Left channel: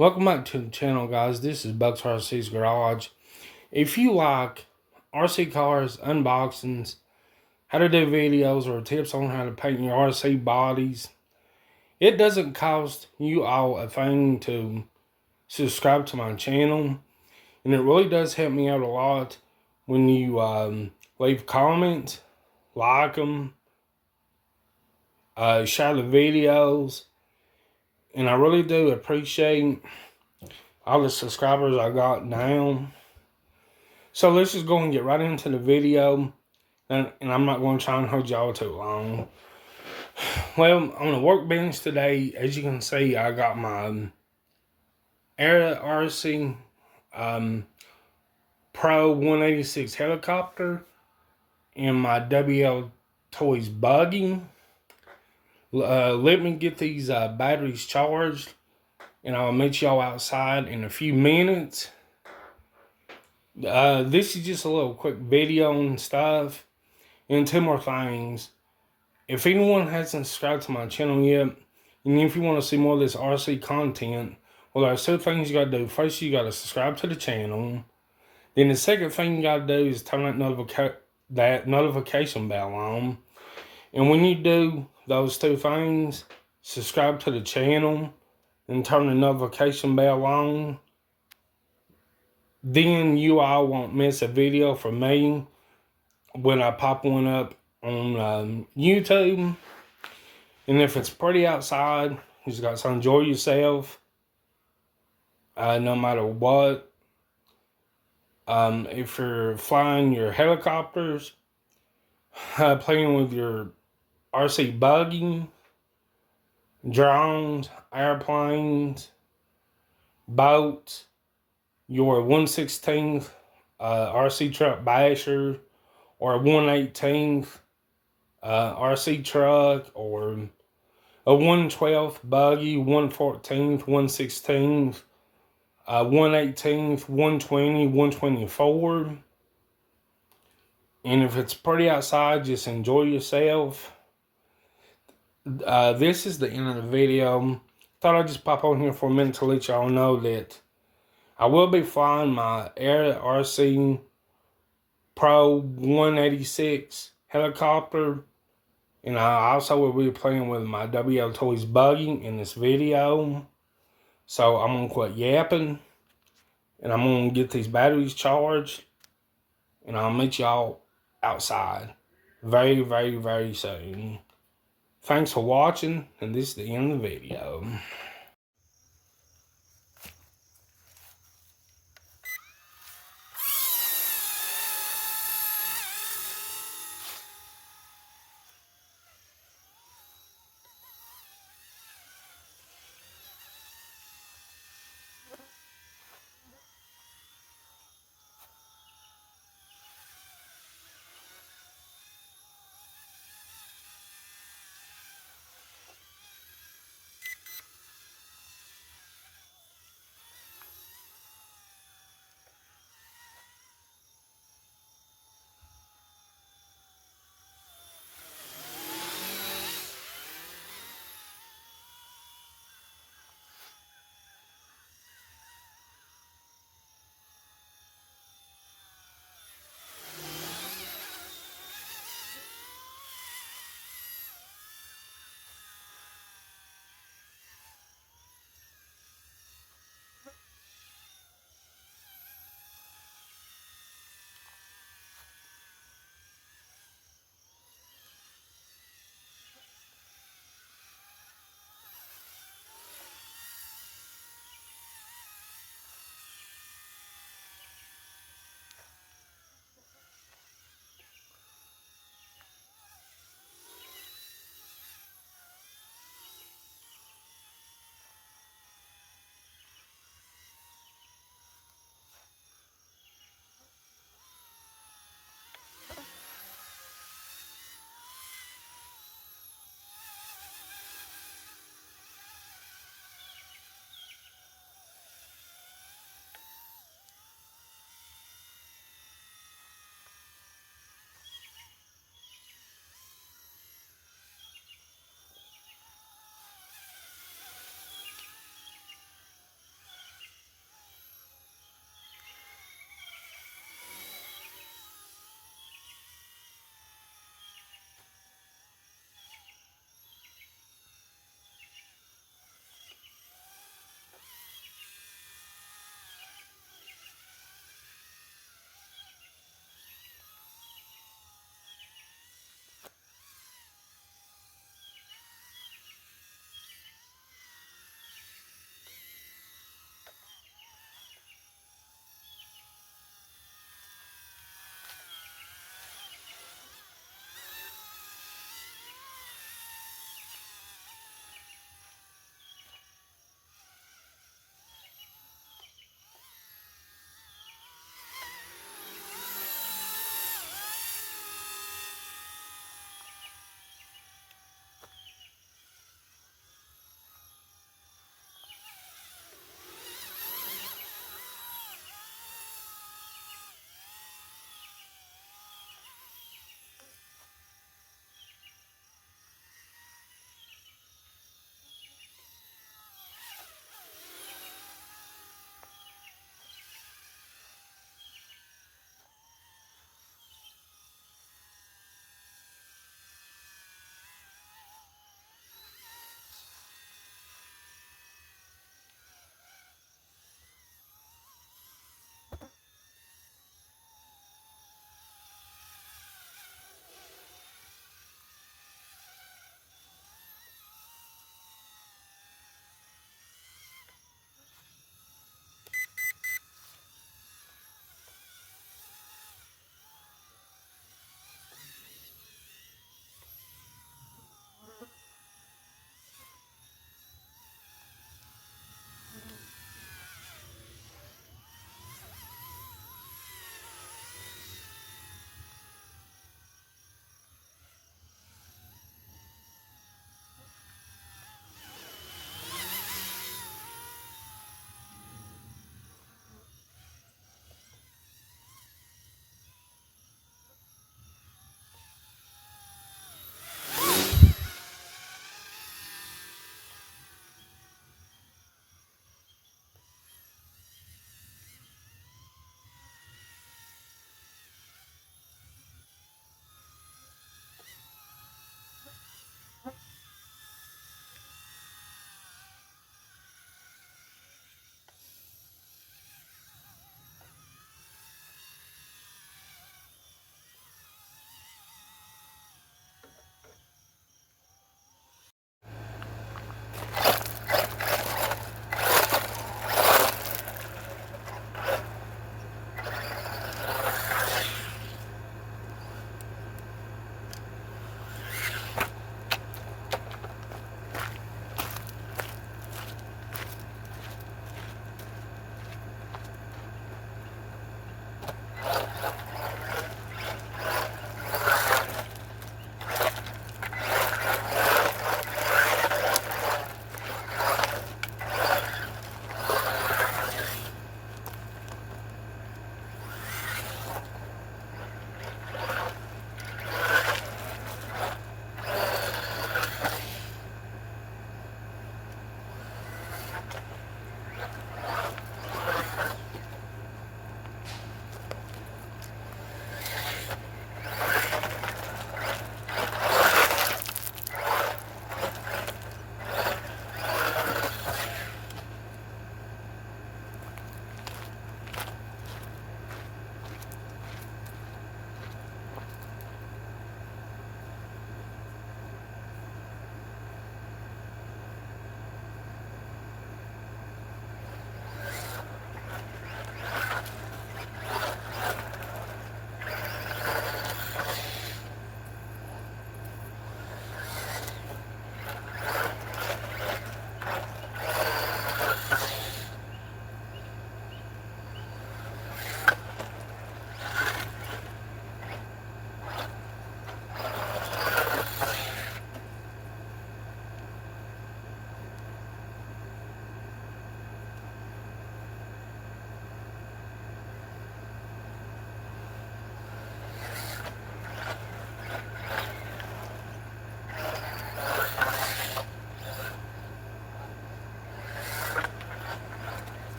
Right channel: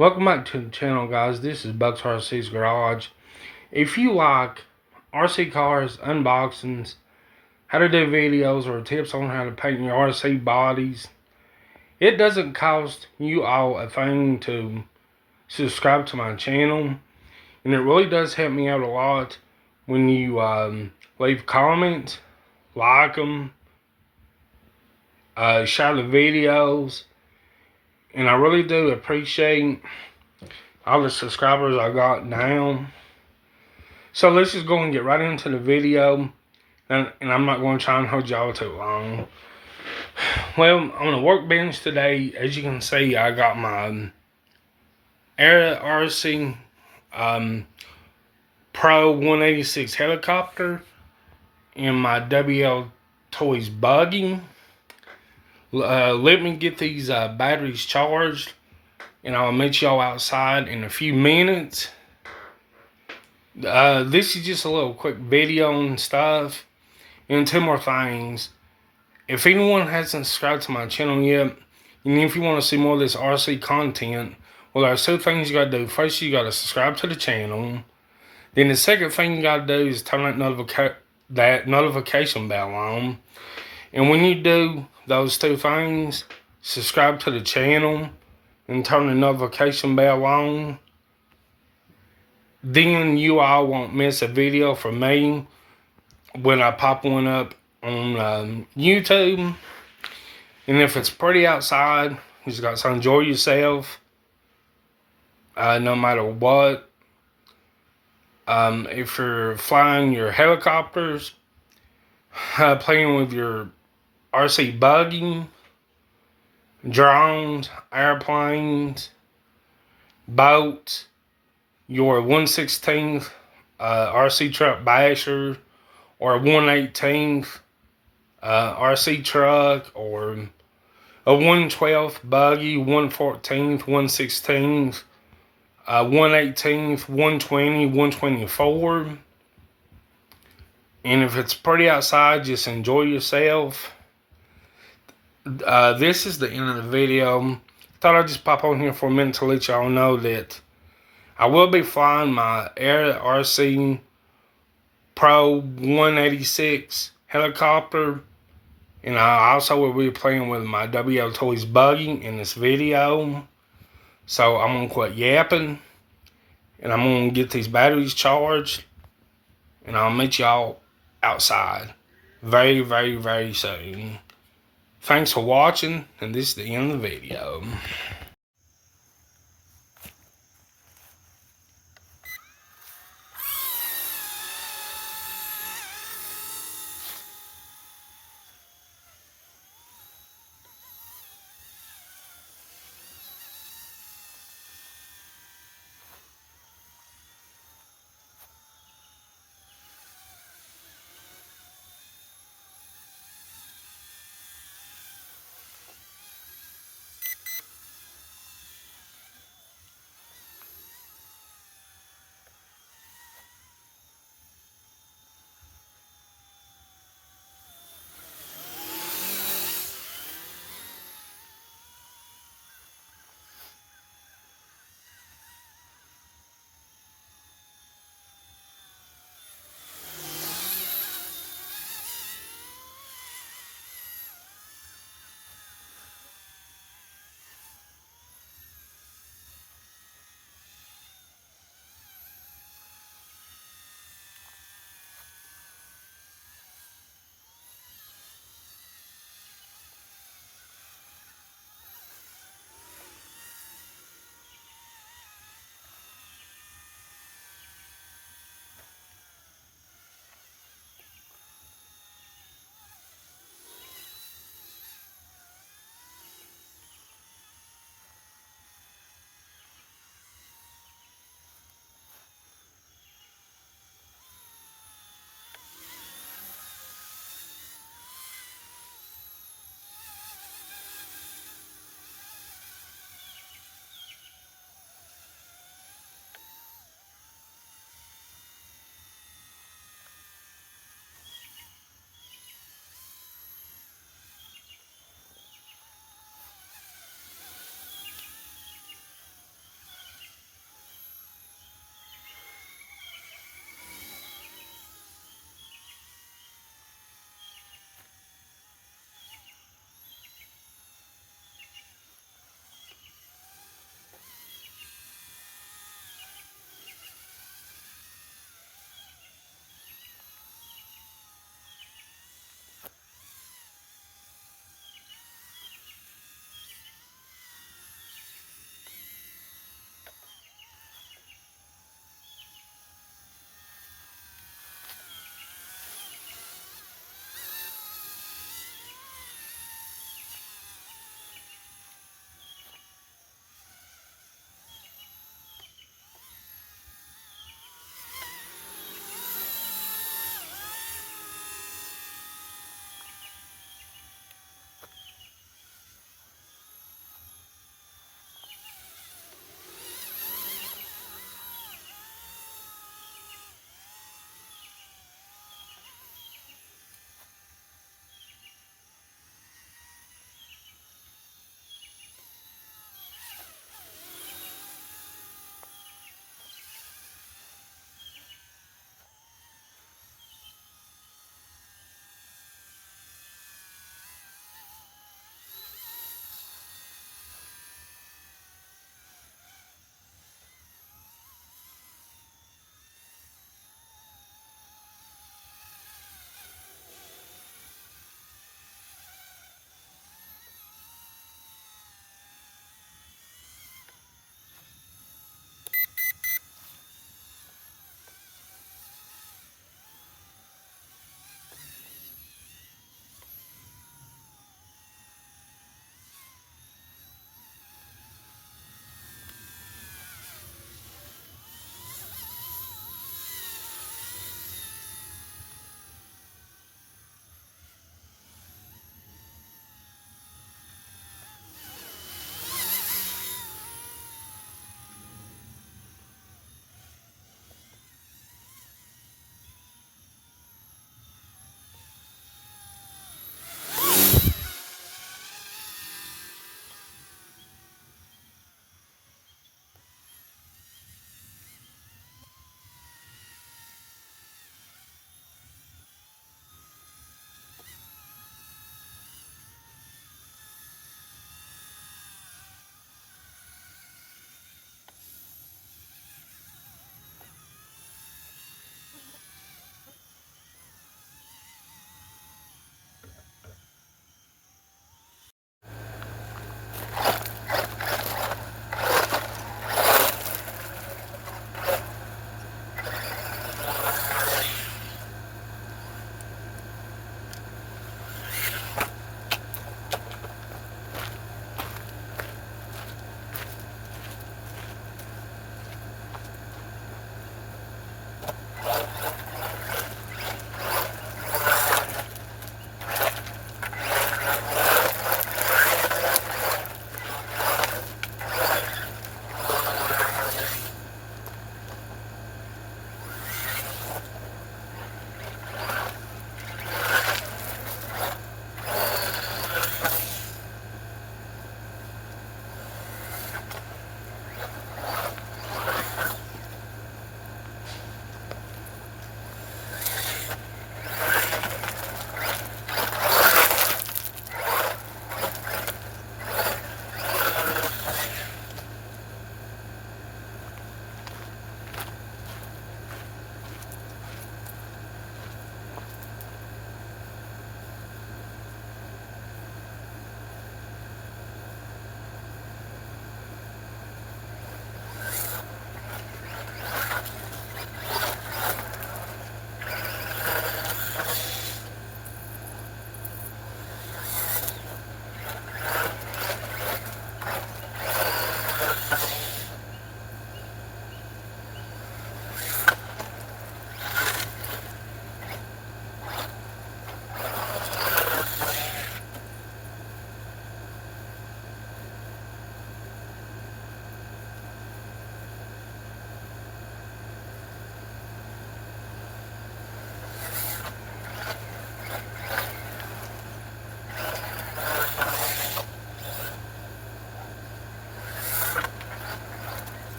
Welcome back to the channel, guys. This is Bucks RC's Garage. If you like RC cars, unboxings, how to do videos, or tips on how to paint your RC bodies, it doesn't cost you all a thing to subscribe to my channel. And it really does help me out a lot when you leave comments, like them, share the videos. And I really do appreciate all the subscribers I got now. So let's just go and get right into the video. And I'm not going to try and hold y'all too long. Well, on the workbench today, as you can see, I got my Era RC Pro 186 helicopter and my WL Toys buggy. Let me get these batteries charged, and I'll meet y'all outside in a few minutes. This is just a little quick video and stuff. And two more things. If anyone hasn't subscribed to my channel yet, and if you want to see more of this RC content, well, there's two things you got to do. First, you got to subscribe to the channel. Then the second thing you got to do is turn that notification bell on. And when you do those two things, subscribe to the channel and turn the notification bell on, then you all won't miss a video from me when I pop one up on YouTube. And if it's pretty outside, you just got to enjoy yourself, no matter what. If you're flying your helicopters, playing with your RC buggy, drones, airplanes, boats, your 1/16 RC truck basher, or a 1/18 RC truck, or a 1/12 buggy, 1/14, 1/16, 1/18, 120, 124. And if it's pretty outside, just enjoy yourself. This is the end of the video. Thought I'd just pop on here for a minute to let y'all know that I will be flying my Era RC Pro 186 helicopter. And I also will be playing with my WL Toys buggy in this video. So I'm going to quit yapping. And I'm going to get these batteries charged. And I'll meet y'all outside very, very, very soon. Thanks for watching. And this is the end of the video.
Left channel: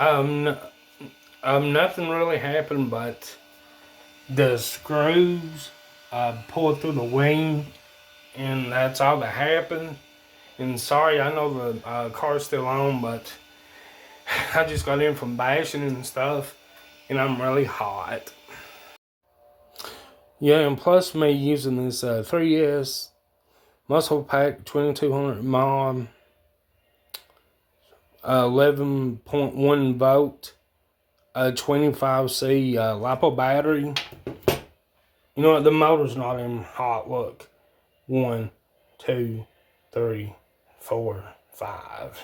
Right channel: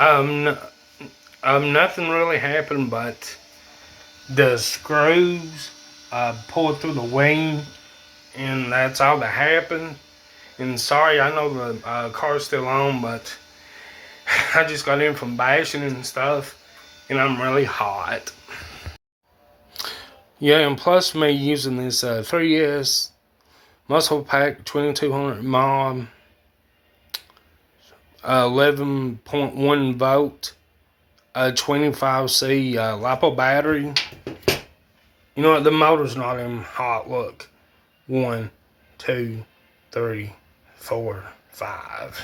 Um, Nothing really happened, but the screws pulled through the wing, and that's all that happened. And sorry, I know the car's still on, but I just got in from bashing and stuff, and I'm really hot. Yeah, and plus me using this 3S Muscle Pack 2200 mAh 11.1 volt 25C LiPo battery. You know what? The motor's not even hot. Look. 1, 2, 3, 4, 5.